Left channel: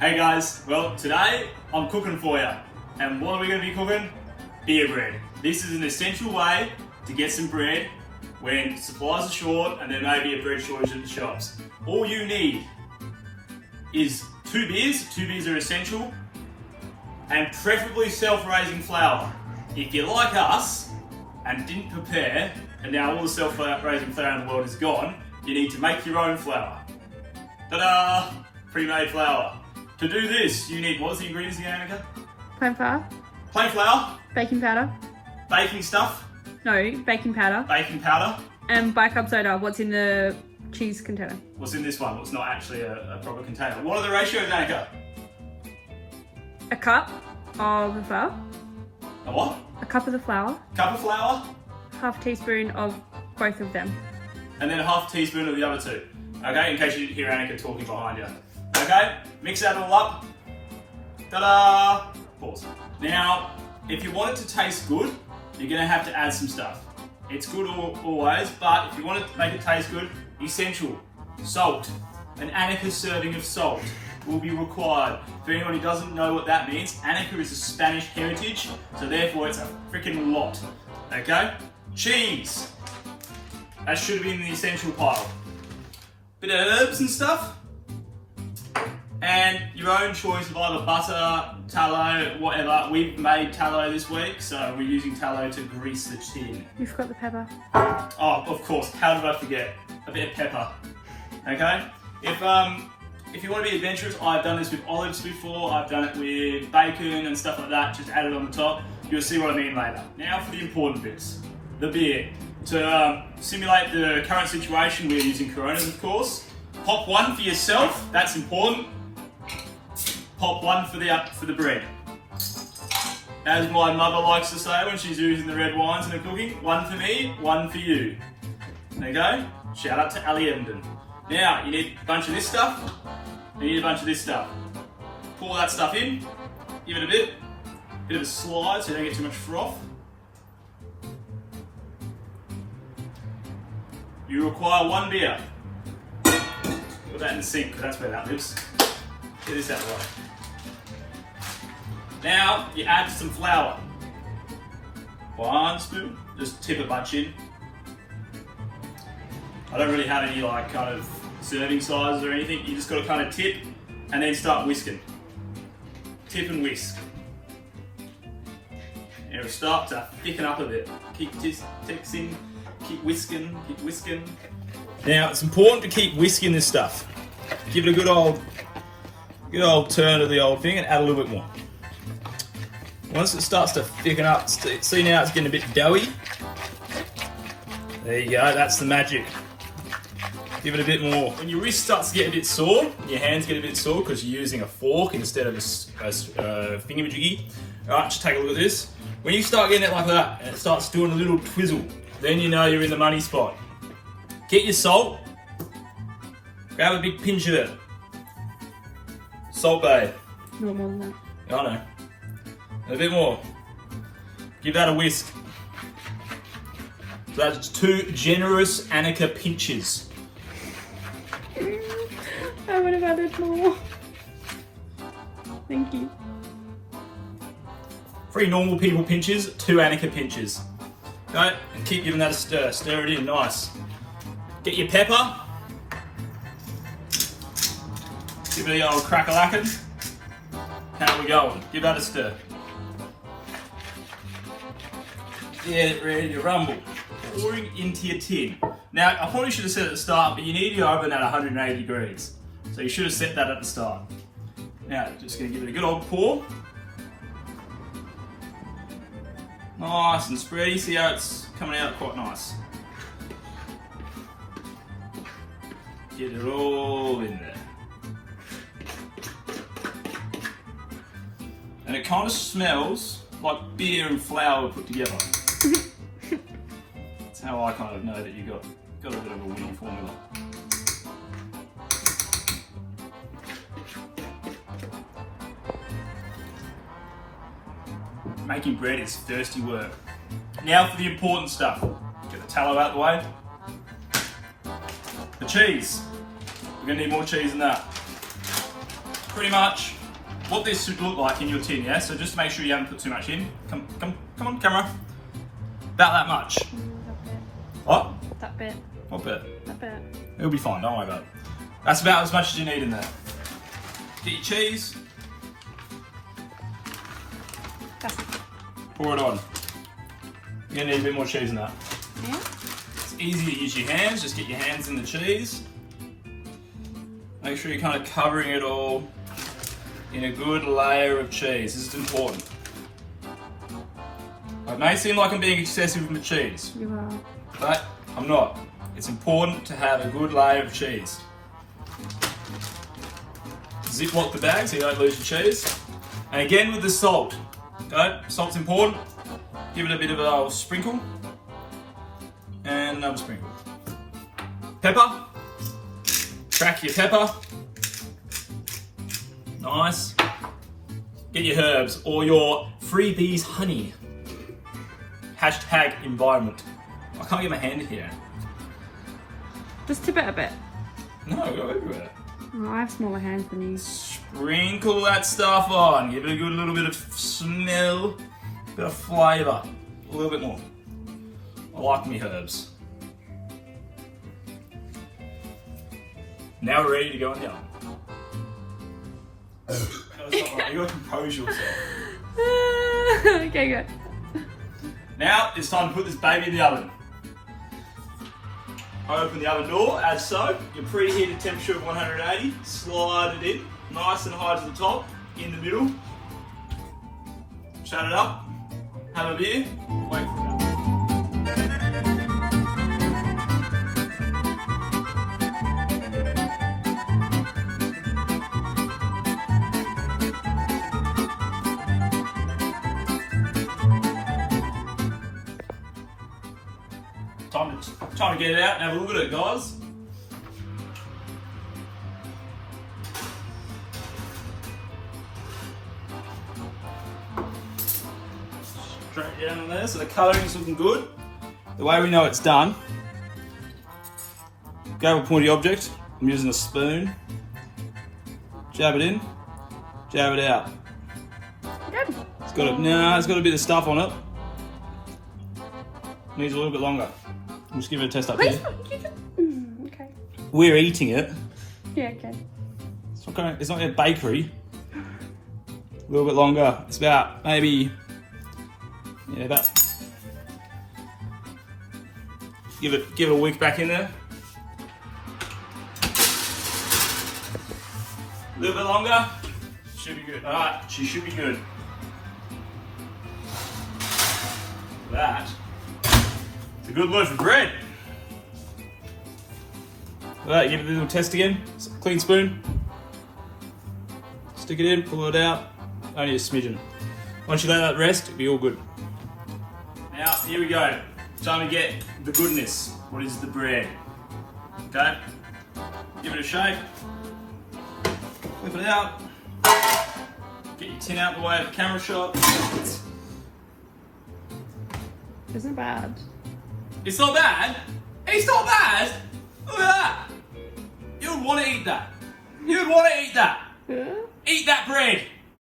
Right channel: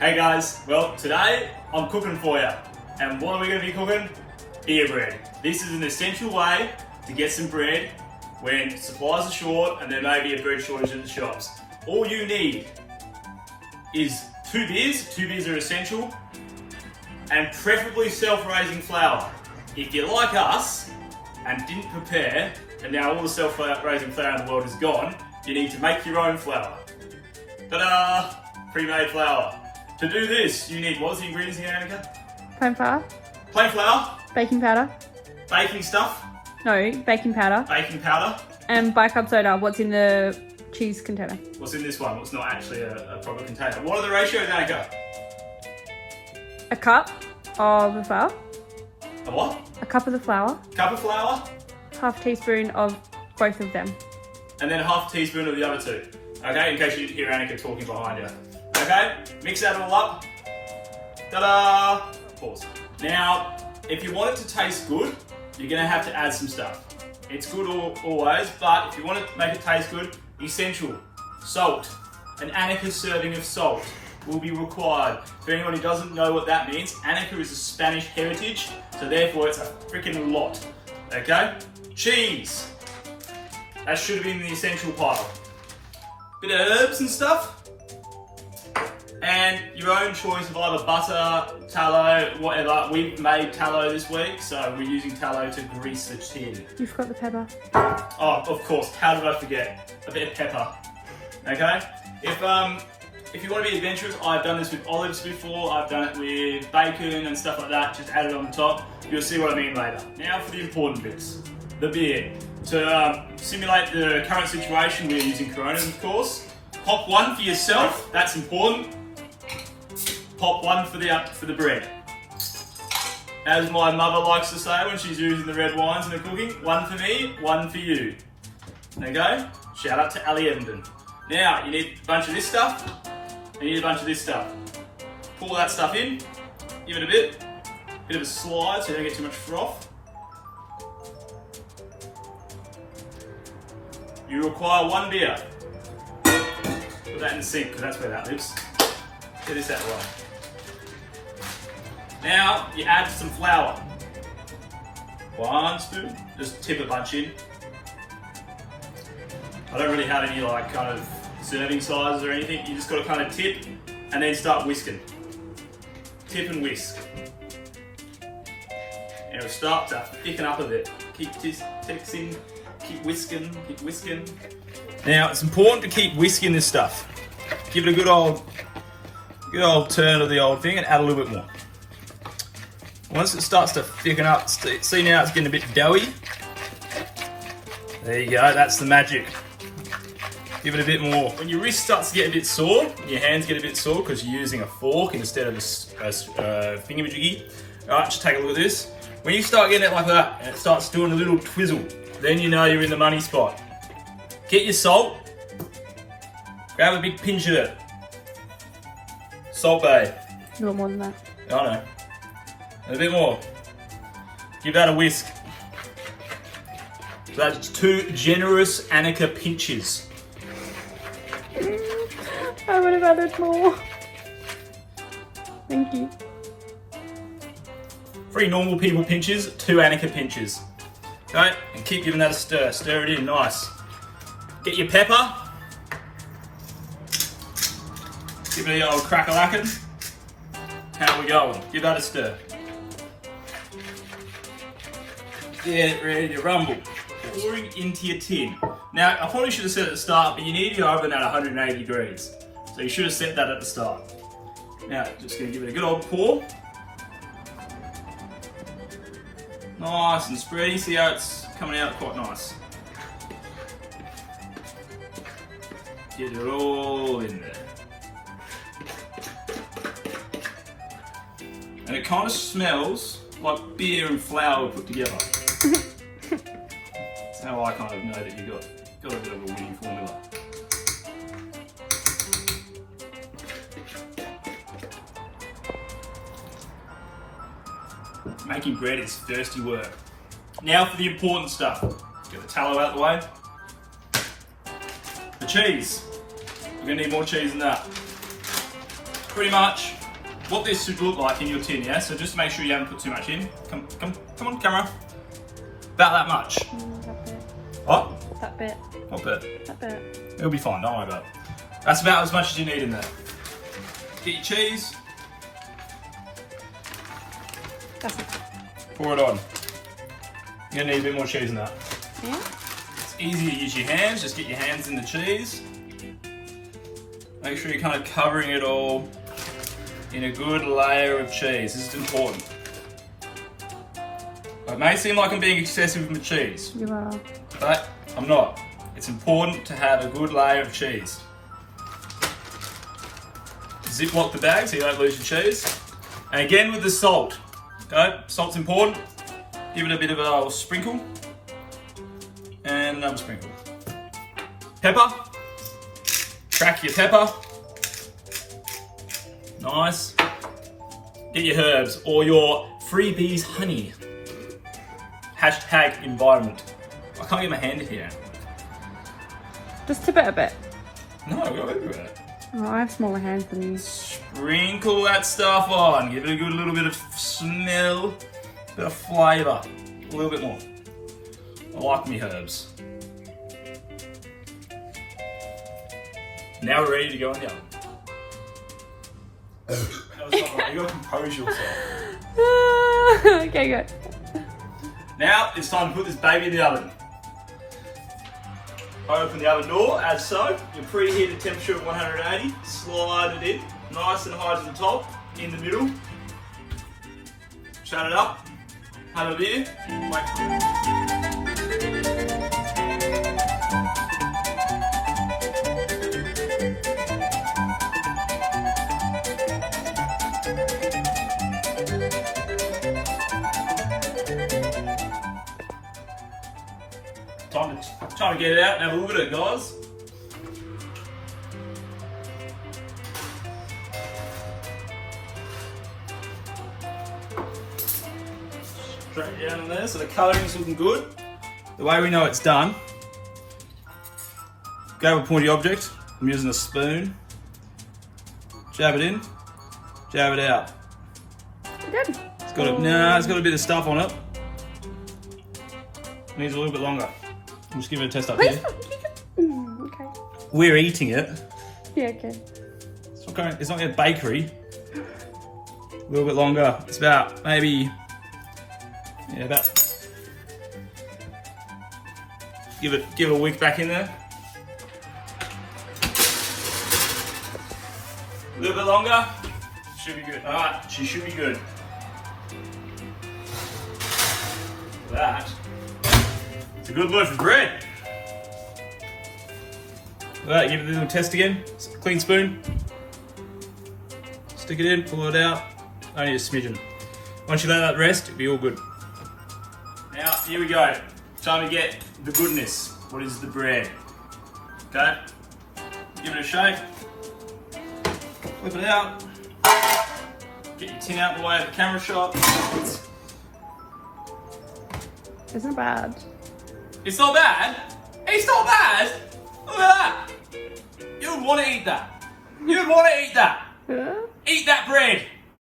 Hey guys, well today I'm cooking for you. And what are we going to be cooking? Beer bread. This is an essential way to get some bread when supplies are short and there may be a bread shortage in the shops. All you need is two beers are essential, and preferably self-raising flour. If you're like us and didn't prepare, and now all the self-raising flour in the world is gone, you need to make your own flour. Ta-da! Pre-made flour. To do this, you need, what's the ingredients again, Annika? Plain flour, Plain flour, baking powder. baking stuff, No, baking powder. baking powder. And bicarb soda. What's in the cheese container? What's in this one? What's not actually a proper container? What are the ratios, Annika? A cup of the flour. A what? A cup of the flour. Cup of flour, Half teaspoon of both of them. and then a half teaspoon of the other two. Okay, in case you hear Annika talking behind you. Okay, mix that all up. Ta-da! Pause. Now, if you want it to taste good, you're gonna have to add some stuff. It's good always, but if you want it to make it taste good, essential, salt. An Annika serving of salt will be required. For anyone who doesn't know what that means, Annika is a Spanish heritage, so therefore it's a freaking lot. Okay? Cheese. That should have been the essential pile. Bit of herbs and stuff. And your own choice of either butter, tallow, whatever. We've made tallow this week, so we're using tallow to grease the tin. You forgot the pepper. Oh, of course. How did I forget? A bit of pepper. Okay? If you want to be adventurous, I've done this with olives before. I've done it with bacon and stuff like that. Just add it on the top. You'll see what I mean later. Now for the important bits. The beer. To simulate the current situation, we're using Corona, of course. Pop one for yourself. That's important. Pop one for the bread. As my mother likes to say when she's using the red wines in her cooking, one for me, one for you. There you go. Shout out to Ali Evenden. Now, you need a bunch of this stuff, and you need a bunch of this stuff. Pour that stuff in, give it a bit of a slide so you don't get too much froth. You require one beer. Put that in the sink, because that's where that lives. Get this out of the way. Now, you add some flour. 1 spoon, just tip a bunch in. I don't really have any kind of serving sizes or anything. You just got to kind of tip and then start whisking. Tip and whisk. And it'll start to thicken up a bit. Keep texting, keep whisking, keep whisking. Now, it's important to keep whisking this stuff. Give it a good old turn of the old thing and add a little bit more. Once it starts to thicken up, see now it's getting a bit doughy. There you go, that's the magic. Give it a bit more. When your wrist starts to get a bit sore, your hands get a bit sore because you're using a fork instead of a thingamajiggy. Alright, just take a look at this. When you start getting it like that, and it starts doing a little twizzle, then you know you're in the money spot. Get your salt. Grab a big pinch of it. Salt Bae. You want more than that? I know. And a bit more. Give that a whisk. So that's 2 generous Annika pinches. I would have added more. Thank you. 3 normal people pinches, 2 Annika pinches. Okay, and keep giving that a stir. Stir it in, nice. Get your pepper. Give it the old crack-a-lackin'. How we going? Give that a stir. Get it ready to rumble. Pouring into your tin. Now, I probably should have said at the start, but you need your oven at 180 degrees. So you should have set that at the start. Now, just gonna give it a good old pour. Nice and spready. See how it's coming out quite nice. Get it all in there. And it kind of smells like beer and flour put together. That's how I kind of know that you got a bit of a winning formula. Making bread is thirsty work. Now for the important stuff. Get the tallow out of the way. The cheese. We're gonna need more cheese than that. pretty much what this should look like in your tin, yeah? So just make sure you haven't put too much in. Come on, camera. About that much. What? That bit. What bit? That bit. It'll be fine, don't worry about it. That's about as much as you need in there. Get your cheese. That's it. Pour it on. You're gonna need a bit more cheese than that. Yeah. It's easy to use your hands, just get your hands in the cheese. Make sure you're kind of covering it all in a good layer of cheese. This is important. It may seem like I'm being excessive with the cheese, You are. but I'm not. It's important to have a good layer of cheese. Ziplock the bag so you don't lose your cheese. And again with the salt. Okay, salt's important. Give it a bit of a sprinkle. And another sprinkle. Pepper. Crack your pepper. Nice. Get your herbs or your freebies honey. Hashtag environment. I can't get my hand in here. Just tip it a bit. No, go everywhere. Oh, I have smaller hands than you. Sprinkle that stuff on. Give it a good little bit of smell, a bit of flavour. A little bit more. I like me herbs. Now we're ready to go in the oven. You gotta compose yourself. Okay, good. Now it's time to put this baby in the oven. Open the oven door as so. Your preheated temperature of 180. Slide it in, nice and high to the top, in the middle. Shut it up. Have a beer. Wait for it. Time to get it out and have a look at it, guys. Straight down on there, so the colouring is looking good. The way we know it's done, grab a pointy object. I'm using a spoon. Jab it in, jab it out. Good. It's got a bit of stuff on it. Needs a little bit longer. I'm just giving it a test up here. Okay. We're eating it. Yeah, okay. It's not going to bakery. A little bit longer. It's about maybe, yeah, about. Give a wick back in there. A little bit longer. Should be good. All right, she should be good. That. It's a good loaf of bread. Alright, give it a little test again. Clean spoon. Stick it in, pull it out. Only a smidgen. Once you let that rest, it'll be all good. Now, here we go. Time to get the goodness. What is the bread? Okay. Give it a shake. Flip it out. Get your tin out of the way of the camera shot. It's not bad. It's not bad. It's not bad. Look at that. You'd want to eat that. You'd want to eat that. Yeah? Eat that bread.